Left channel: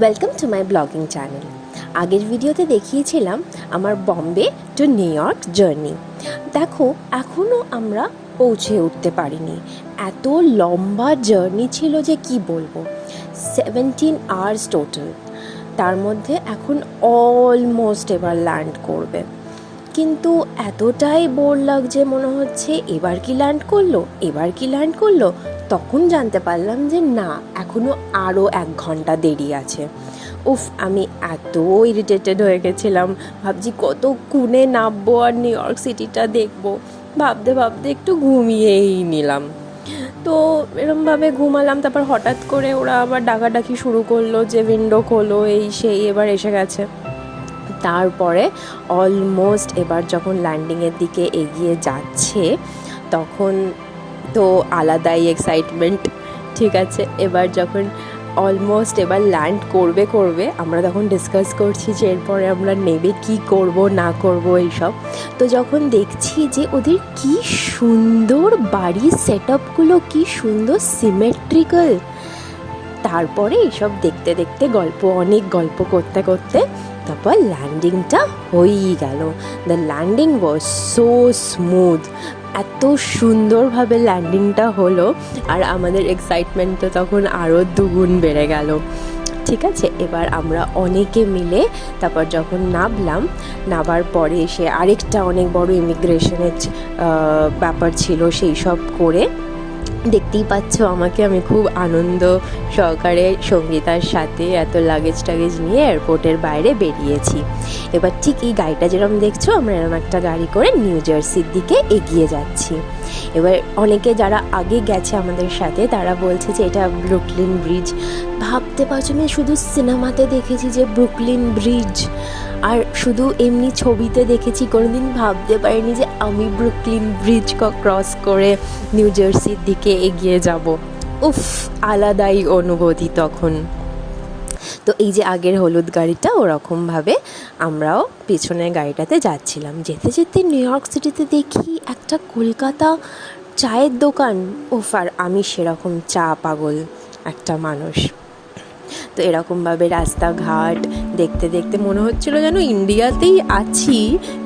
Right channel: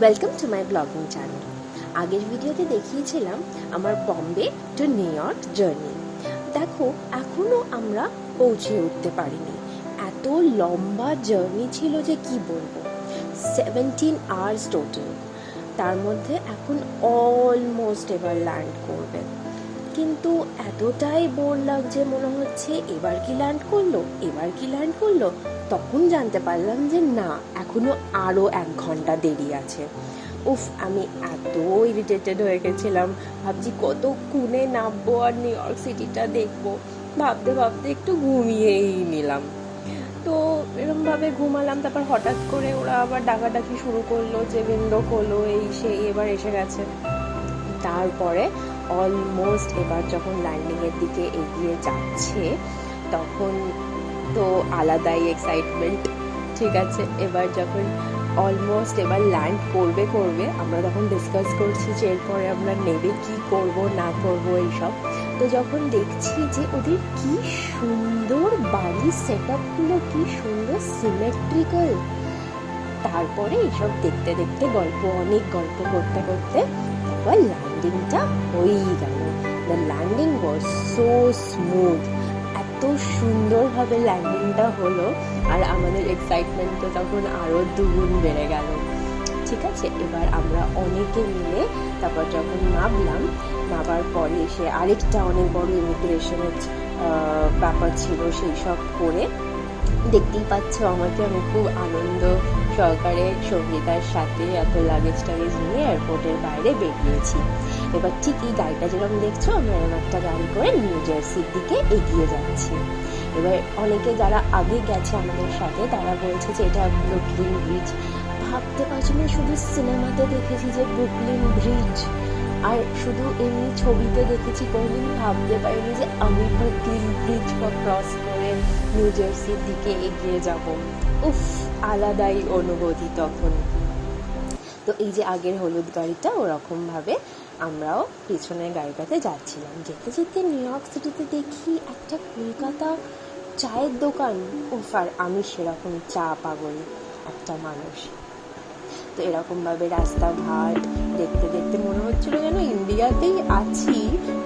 Welcome to my blogging channel. আগের ভিডিওতে দেখিয়েছিলাম আমার Bombay two new York journey. দেখো এখনও আমরা পৌঁছে উঠতে পারিনি, এত লম্বা জার্নি ছিল যে কি বলবো। 17 আওয়ার্স টোটাল, তার মধ্যে এখন অলমোস্ট এবার ল্যান্ড করবে। কিন্তু এতটাই বোর লাগছে, মনে হচ্ছে এবার কি ল্যান্ড করলো। তখন জানতে পারলাম যে না, এখনও আরও 1 ঘন্টা দেরি আছে। আমি এত ইরিটেটেড হয়ে গেছিলাম, ভাবছি কতক্ষণে নামবো আর নিউ ইয়র্ক সিটিটা দেখবো। ভাবতে ভাবতে একটু ঘুমিয়েই নিলাম। তো এরমভাবে ঘুমালাম, তারপর হঠাৎ করে ওরা আবার ডাকাডাকি শুরু করলো যে উইন্ডো খোলো, এই সেই, এবার এসে গেছে। তারপরে অলমোস্ট এবার যখন ল্যান্ডিংয়ের দিকে এগিয়ে যাচ্ছে তখন তো আলাদাই এক্সাইটমেন্ট। ঠিক আছে, এবার যখন অলমোস্ট এবার ল্যান্ড করবে আমরা তখন ডিসকাস করছি যে এরপরে আমরা নেবে কি করব না করব এইসব। তো যখন দেখছি যে ওদের কি সুন্দর বাড়ির সেট আপগুলো, কি সুন্দর সিমেট্রিক্যাল, তারপরে এইসব দেখতে দেখতে অনেক গল্প করতে করতে তারপর ল্যান্ডিংটা হয়েই গেল। The landing was so smooth, এত সুন্দরভাবে ল্যান্ডিংটা হলো আর আমাদের এক্সাইটমেন্ট তো তখন আরও দ্বিগুণ বেড়ে গেল। ঠিক আছে, এবার আমরা অনেকে মিলে তারপর যখন নামার পরে এসে আরেকটা অনেক বড় ইমিগ্রেশনের ব্যাপার ছিল, সেই সব করে দেখতেই পাচ্ছ আমি খুব আনন্দ সহকারে সঙ্গীতার সাথে এত লাগেজ নিয়ে এয়ারপোর্টের বাইরে বেরিয়েছি। এবার ঠিক এই গাড়িটা যেরকম দেখছো, আমরা এরকম একটা গাড়ি করে নিউ জার্সির দিকে এগিয়ে যাচ্ছি। এবার অনেকে যারা আগে গেছে আমাদের সাথে তারা বলছে যে এটা ব্রুকলিন ব্রিজ। ভাবতে পারছো, আমি শুধু সিনেমাতে দেখেছি যে ব্রুকলিন ব্রিজ, আর শুধু এমনি ছবিতে দেখেছি, কোনোদিন ভাবতে পারিনি যে আমি ব্রুকলিন ব্রিজ ক্রস করে নিউ জার্সির দিকে এগিয়ে যাব। আলাদাই অনুভূতি তখন। তো এই যে আগের হলুদ গাড়িটা, ওরকমভাবে আমরাও পেছনের গাড়িটাতে যাচ্ছিলাম। যেতে যেতে নিউ ইয়র্ক সিটিতে দেখি একটা কলকাতা চায়ের দোকান। আর আমি সেরকম চা পাগল একটা মানুষ। তো এরকমভাবে রাস্তাঘাট দেখতে দেখতে মনে হচ্ছিলো যেন ইন্ডিয়াতেই আছি,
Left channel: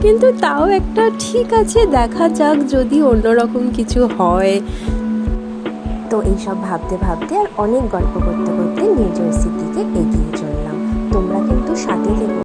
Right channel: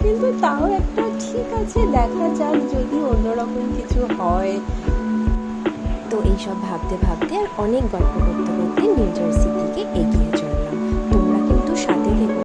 কিন্তু তাও একটা ঠিক আছে, দেখা যাক যদি অন্যরকম কিছু হয়। তো এইসব ভাবতে ভাবতে আর অনেক গল্প করতে করতে নিউ জার্সির দিকে এগিয়ে চললাম। তোমরা কিন্তু সাথে থেকো।